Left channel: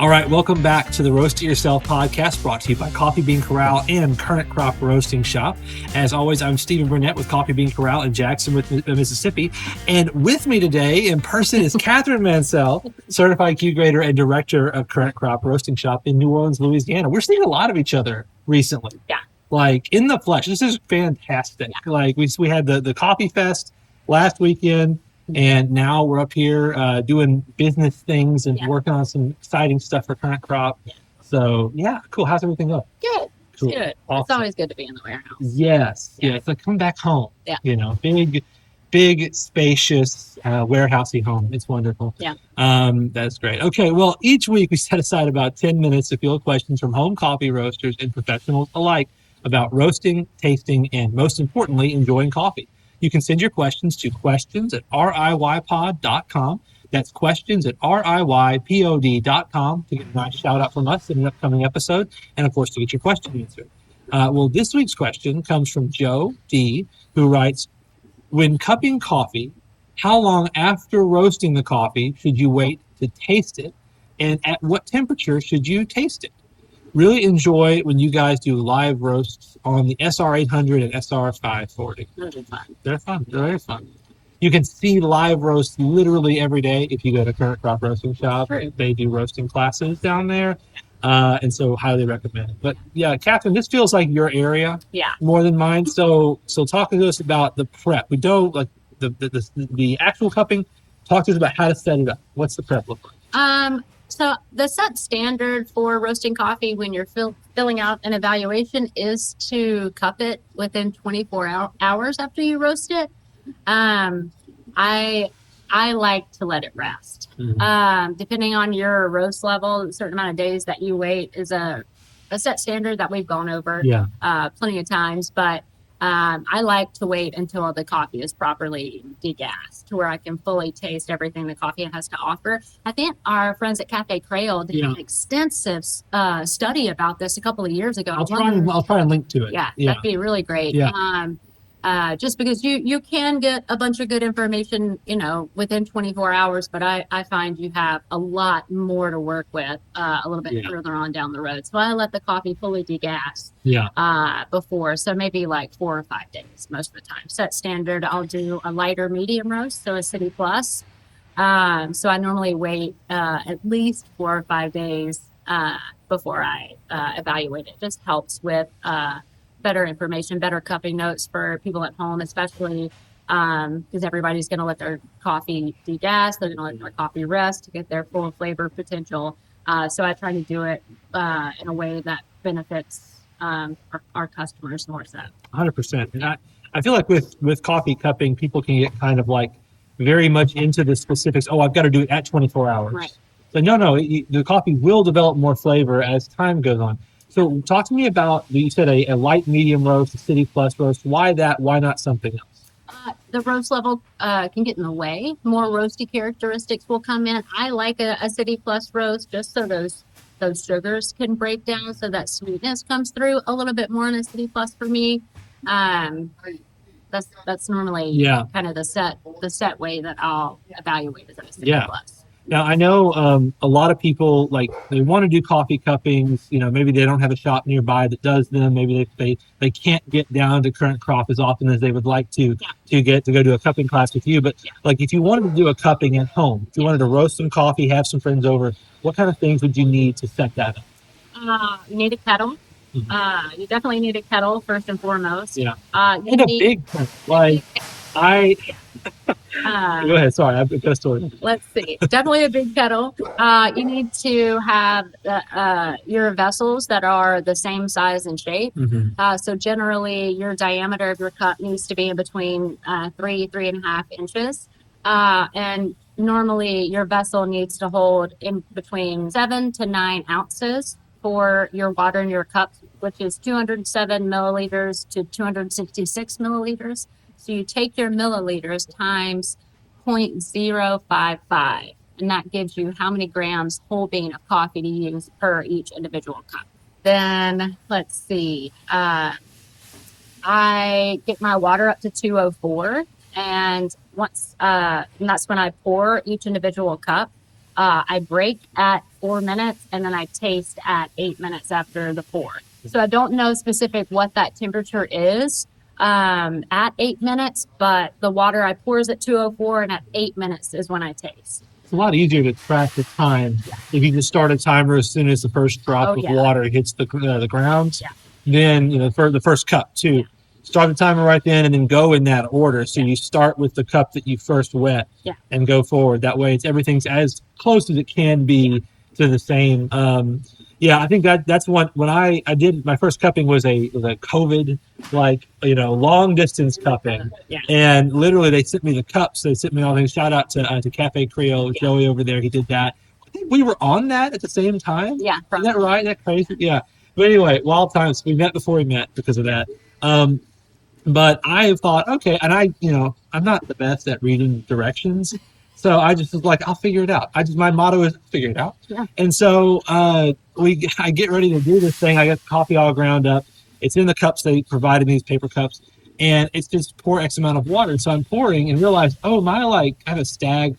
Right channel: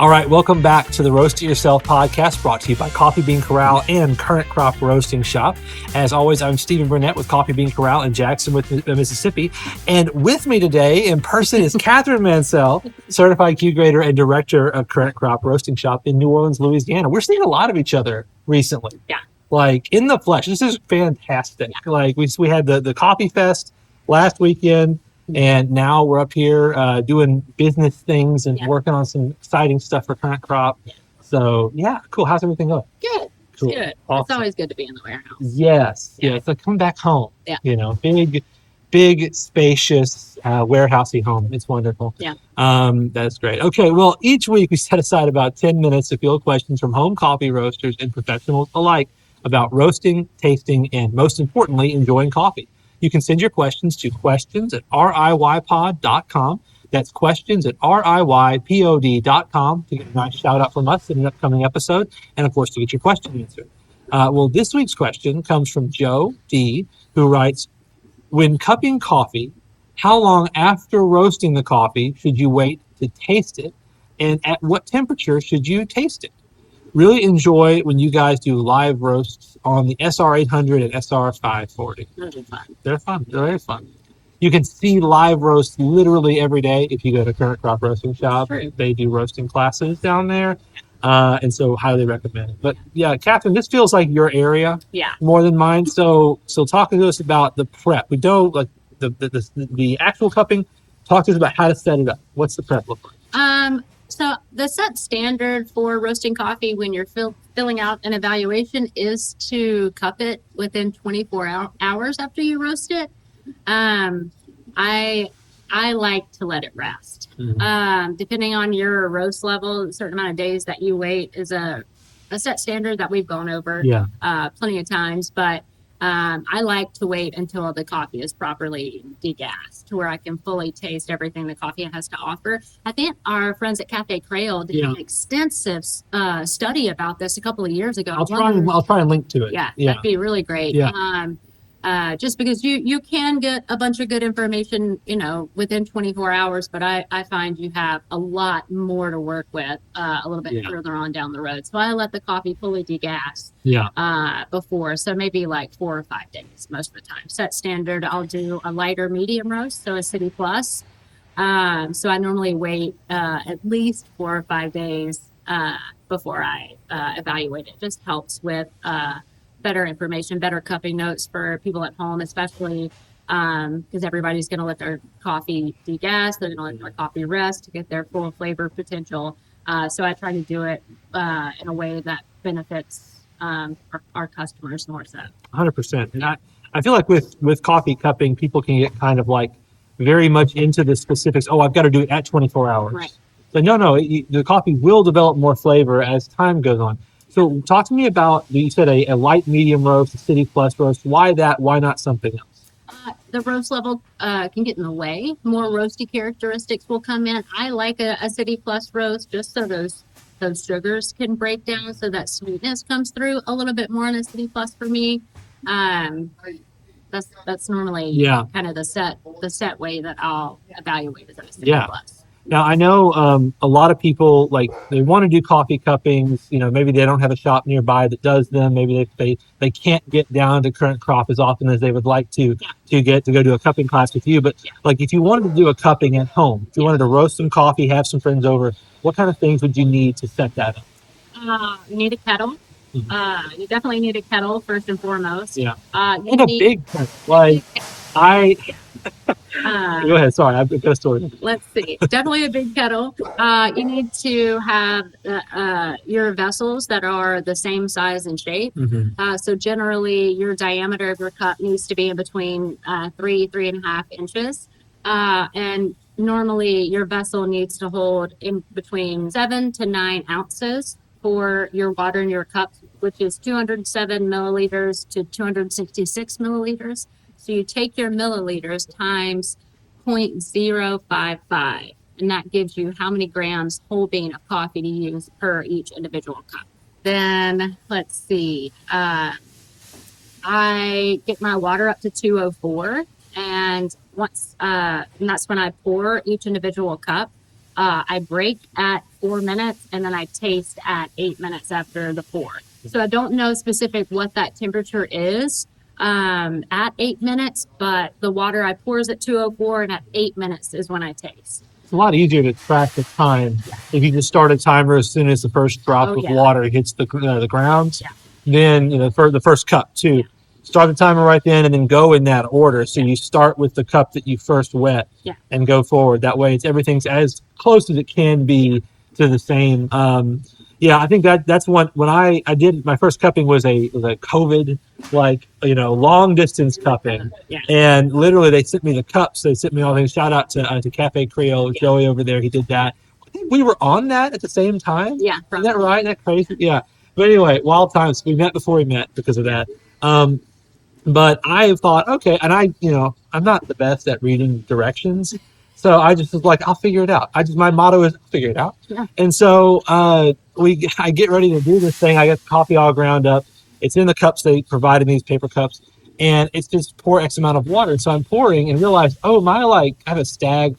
All right, welcome back to the Roast It Yourself podcast, brought to you by Coffee Bean Corral and Current Crop Roasting Shop. As always, I'm Stephen Burnett with Coffee Bean Corral in Jackson, Mississippi. And with me today in person is Catherine Mansell, Certified Q Grader and Director of Current Crop Roasting Shop in New Orleans, Louisiana. We're seeing a lot of each other recently. Yeah. Like in the flesh. This is fantastic. Yeah. Like we had the Coffee Fest last weekend. And now we're up here doing business things and working on some exciting stuff for Current Crop. Yeah. So, yeah, cool. How's everything going? Good. Cool. Good. Awesome. It's always good to be in the warehouse. Yes. Yeah. Yeah. It's like come back home. Yeah. You know, big, spacious warehousey home. It's wonderful. Yeah. That's great. Okay. Well, each week we set aside about 10 minutes to field questions from home coffee roasters and professionals alike about roasting, tasting, and most importantly, enjoying coffee. You can send your questions to questions@riypod.com. That's questions@riypod.com to get a nice shout out from us in an upcoming episode, and of course to get your question answered. Well, this week's question comes from Joe D, who writes, when cupping coffee, how long after roasting the coffee should you wait to taste it, and at what temperature should you taste it? Really enjoy when you guys do live roasts on the SR800 and SR540. They're fun. They're very fun. You can see live roasts literally every day if you go to Current Crop Roasting Shop. They do roasting classes down there, and so highly recommend it. But yeah, Catherine, this feels like your area more than mine. So talk to us about the prep. We don't like the actual cupping. Talk to us about how to set it up. What's the prep look like? So the set standard for roasting coffee when you're filling out an evaluation is to cup it within 24 hours after you roast it. I like to let it rest. Mm-hmm. Depending on your roast level, a certain amount of days that you wait is a set standard that we've gone over plenty of times, but I like to wait until the coffee is properly degassed to where I can fully taste everything the coffee has to offer. I think our friends at Cafe Creole did an extensive study about this a couple of years ago. I'll try and link to it. Yeah, that'd be really great. Yeah. Just because you can get a bunch of good information, within 24 hours, but I find you have a lot more to work with a little bit further on down the road. So I let the coffee fully degas before, so maybe like 4 or 5 days most of the time. Set standard, I'll do a lighter medium roast, so a City Plus. So I normally wait at least 4 or 5 days before I evaluate it. Just helps with better information, better cupping notes for people at home, especially because everybody's going to let their coffee degas. They're going to let their coffee rest to get their full flavor potential. So I try to do it in a way that benefits our customers more so. 100%. And I feel like with coffee cupping, people can get kind of like very much into the specifics. Oh, I've got to do it at 24 hours. Right. So no, the coffee will develop more flavor as time goes on. So talk to me about, you said a light medium roast, a City Plus roast. Why that? Why not something else? The roast level can get in the way. More roasty characteristics will come in. I like a City Plus roast just so those sugars can break down, so that sweetness comes through a little bit more in a City Plus for me. That's normally kind of the set way that I'll evaluate as a City Plus. Now, I know a lot of people, like, they want to do coffee cuppings. Maybe they don't have a shop nearby that does them. Maybe they can't get down to Current Crop as often as they would like to go do a cupping class with you. But, like, if you wanted to do a cupping at home, if you wanted to roast some coffee, have some friends over, what kind of things would you need to set that up? You need a kettle. Mm-hmm. You definitely need a kettle, first and foremost. Yeah. And a big kettle. Like, go ahead. Sorry, I've got a story. Let's see. Definitely a big kettle. You need to have your vessels that are the same size and shape. Mm-hmm. So generally, your diameter of your cup needs to be in between 3.5 inches. And normally, your vessel needs to hold in between 7 to 9 ounces for your water in your cup, which is 207 milliliters to 266 milliliters. So you take your milliliters times 0.055, and that gives you how many grams whole bean of coffee to use per each individual cup. Then let's see, I get my water up to 204, and that's when I pour each individual cup. I break at 4 minutes and then I taste at 8 minutes after the pour. So I don't know specific what that temperature is at 8 minutes, but the water I pour is at 204 and at 8 minutes is when I taste. It's a lot easier to track the time if you just start a timer as soon as the first drop of water hits the ground. Then for the first cup too, start the timer right then and then go in that order. So you start with the cup that you first wet and go forward. That way, everything's as close as it can be to the same. I think that's one. When I did my first cupping was a COVID long distance cupping, and literally they sent me the cups. They sent me all things. Shout out to Cafe Creole, Joey over there. He did that. I think we were on that at the same time. Yeah, isn't that right? Isn't that crazy? Yeah. But anyway, wild times. We met before we met because of that. But I thought, okay, and I'm not the best at reading directions. So I just was like, I'll figure it out. My motto is figure it out. Yeah. And so I get ready to do this thing. I get coffee all ground up. It's in the cups. They provided me, these paper cups, and it's just pour X amount of water. And so I'm pouring and realize, I have a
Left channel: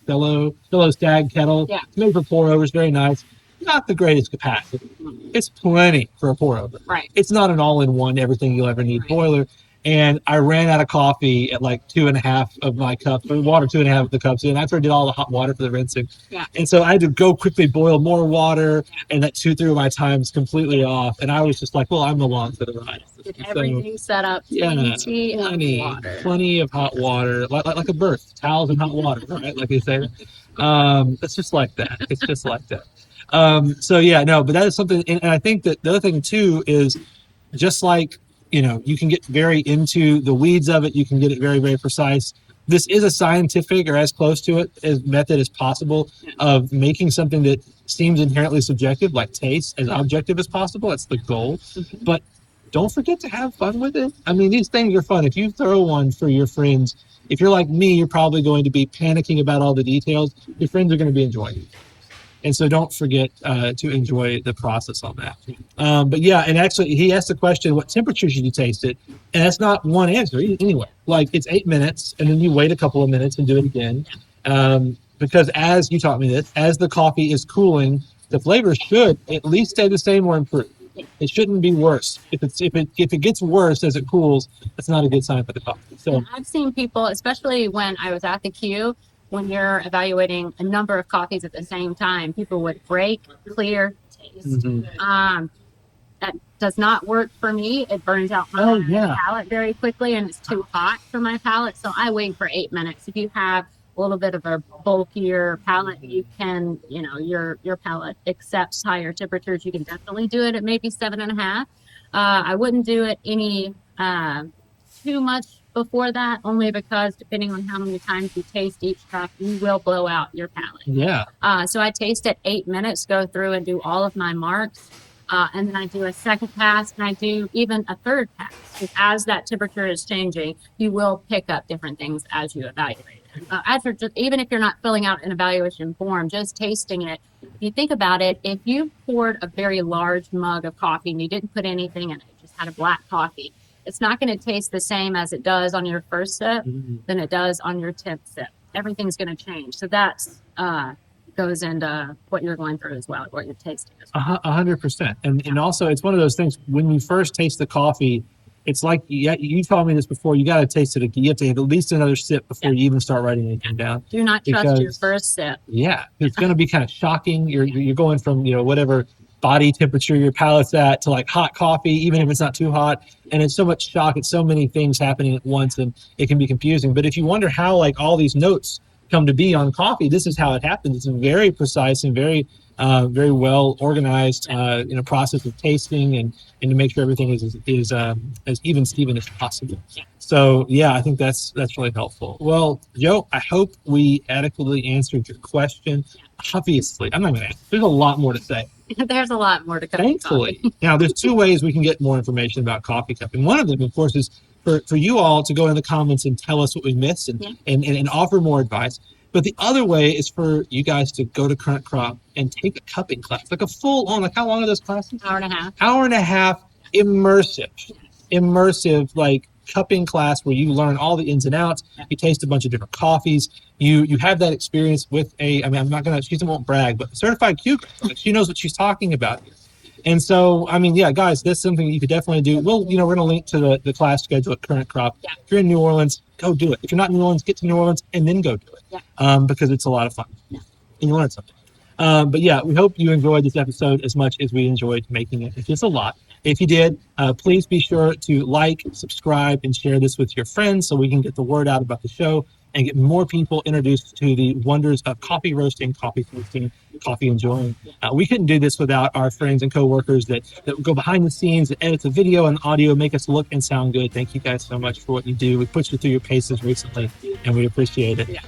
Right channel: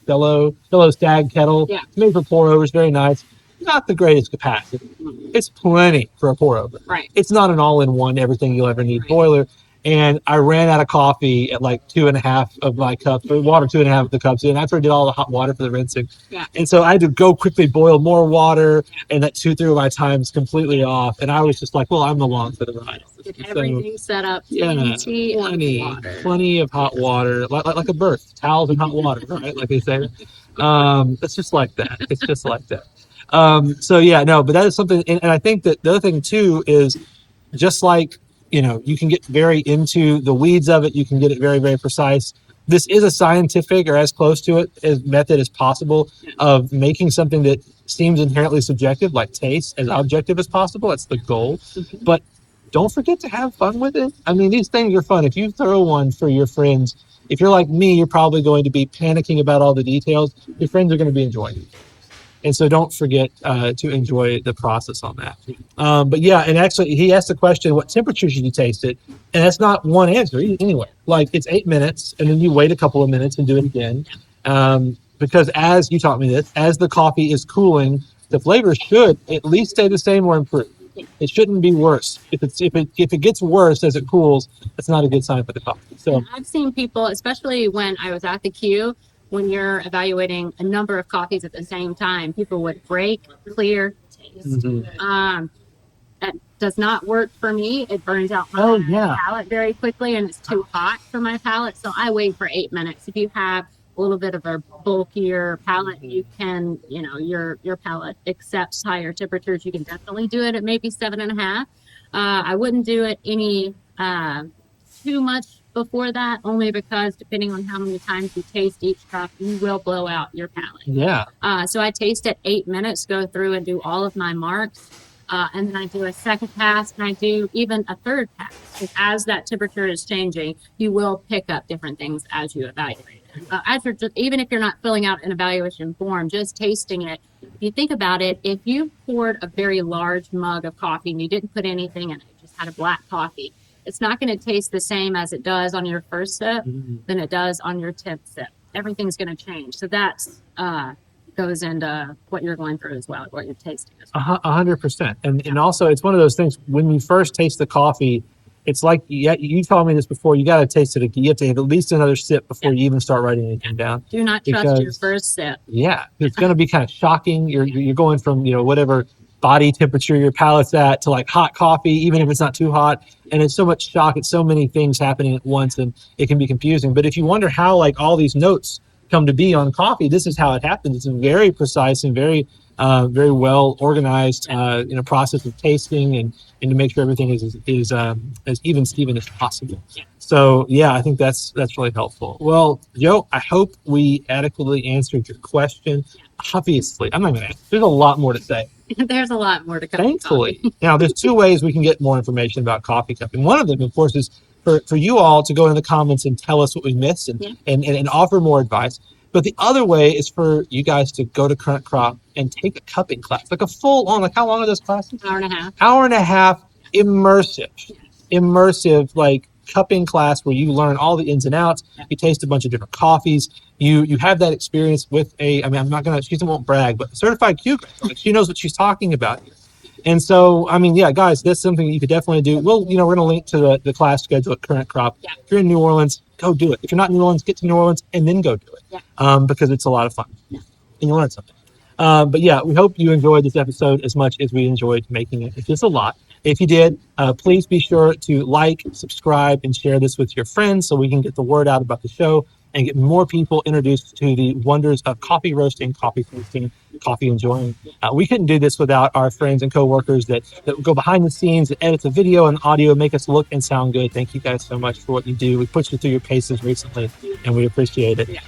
fellow stag kettle. Yeah. It's made for pour overs, very nice. Not the greatest capacity. It's plenty for a pour over. Right. It's not an all-in-one, everything you'll ever need boiler. And I ran out of coffee at like 2.5 of my cups, or water 2.5 of the cups. And that's where I did all the hot water for the rinsing. Yeah. And so I had to go quickly boil more water, and that 2/3 of my time is completely off. And I was just like, well, I'm along for the ride. Get everything set up. Plenty of hot water, like a birth, towels and hot water, right? Like they say. It's just like that. It's just like that. But that is something. And I think that the other thing too is just like, you can get very into the weeds of it. You can get it very, very precise. This is a scientific or as close to it as method as possible of making something that seems inherently subjective, like taste, as objective as possible. That's the goal. Mm-hmm. But don't forget to have fun with it. I mean, these things are fun. If you throw one for your friends, if you're like me, you're probably going to be panicking about all the details. Your friends are going to be enjoying it. And so don't forget to enjoy the process on that. And actually he asked the question, what temperature did you taste it? And that's not one answer anyway. Like it's 8 minutes and then you wait a couple of minutes and do it again. Because as you taught me this, as the coffee is cooling, the flavor should at least stay the same or improve. It shouldn't be worse. If it gets worse as it cools, that's not a good sign for the coffee. So I've seen people, especially when I was at the queue, when you're evaluating a number of coffees at the same time, people would break, clear, taste. Mm-hmm. That does not work for me. It burns out my palate very quickly, and it's too hot for my palate. So I wait for 8 minutes. If you have a little bit of a bulkier palate, you can, your palate accepts higher temperatures. You can definitely do it at maybe 7.5. I wouldn't do it any too much before that, only because depending on how many times you taste each cup, you will blow out your palate. Yeah. So I taste at 8 minutes, go through and do all of my marks. And then I do a second pass, and I do even a third pass. Because as that temperature is changing, you will pick up different things as you evaluate it. Even if you're not filling out an evaluation form, just tasting it, if you think about it, if you poured a very large mug of coffee and you didn't put anything in it, just had a black coffee, it's not going to taste the same as it does on your first sip than it does on your 10th sip. Everything's going to change. So that's goes into what you're going through as well, what you're tasting. 100%. And also, it's one of those things, when you first taste the coffee, it's like, you told me this before, you got to taste it. You have to have at least another sip before you even start writing anything down. Do not trust your first sip. Yeah, it's going to be kind of shocking. You're going from, whatever body temperature your palate's at to like hot coffee, even if it's not too hot. And it's so much shock. It's so many things happening at once, and it can be confusing. But if you wonder how like all these notes come to be on coffee, this is how it happens. It's very precise and very well organized process of tasting and to make sure everything is as even as possible. So yeah, I think that's really helpful. Well, Joe, I hope we adequately answered your question. Obviously, I'm not going to answer. There's a lot more to say. There's a lot more to come. Thankfully. Now, there's two ways we can get more information about coffee cupping. One of them, of course, is for you all to go in the comments and tell us what we missed and offer more advice. But the other way is for you guys to go to Current Crop and take a cupping class, like a full on, like how long are those classes? Hour and a half. Hour and a half, immersive, like cupping class where you learn all the ins and outs. You taste a bunch of different coffees. you have that experience with I mean, she won't brag, but a certified Q coach, she knows what she's talking about. And so, I mean, yeah, guys, that's something you could definitely do. We're going to link to the class schedule at Current Crop. Yeah. If you're in New Orleans, go do it. If you're not in New Orleans, get to New Orleans and then go do it. Yeah. Because it's a lot of fun. Yeah. And you learn something. But yeah, we hope you enjoyed this episode as much as we enjoyed making it. It's just a lot. If you did, please be sure to like, subscribe, and share this with your friends so we can get the word out about the show and get more people introduced to the wonders of coffee roasting, coffee tasting, coffee enjoying. We couldn't do this without our friends and coworkers that go behind the scenes and edit the video and audio, make us look and sound good. Thank you guys so much for what you do. We pushed you through your paces recently, and we appreciate it. Yeah.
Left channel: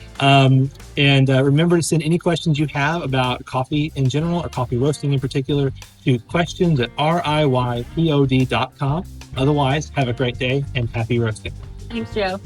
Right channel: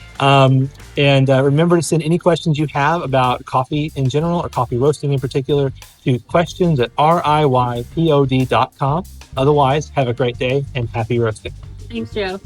Remember to send any questions you have about coffee in general or coffee roasting in particular to questions@riypod.com. Otherwise, have a great day and happy roasting. Thanks, Joe.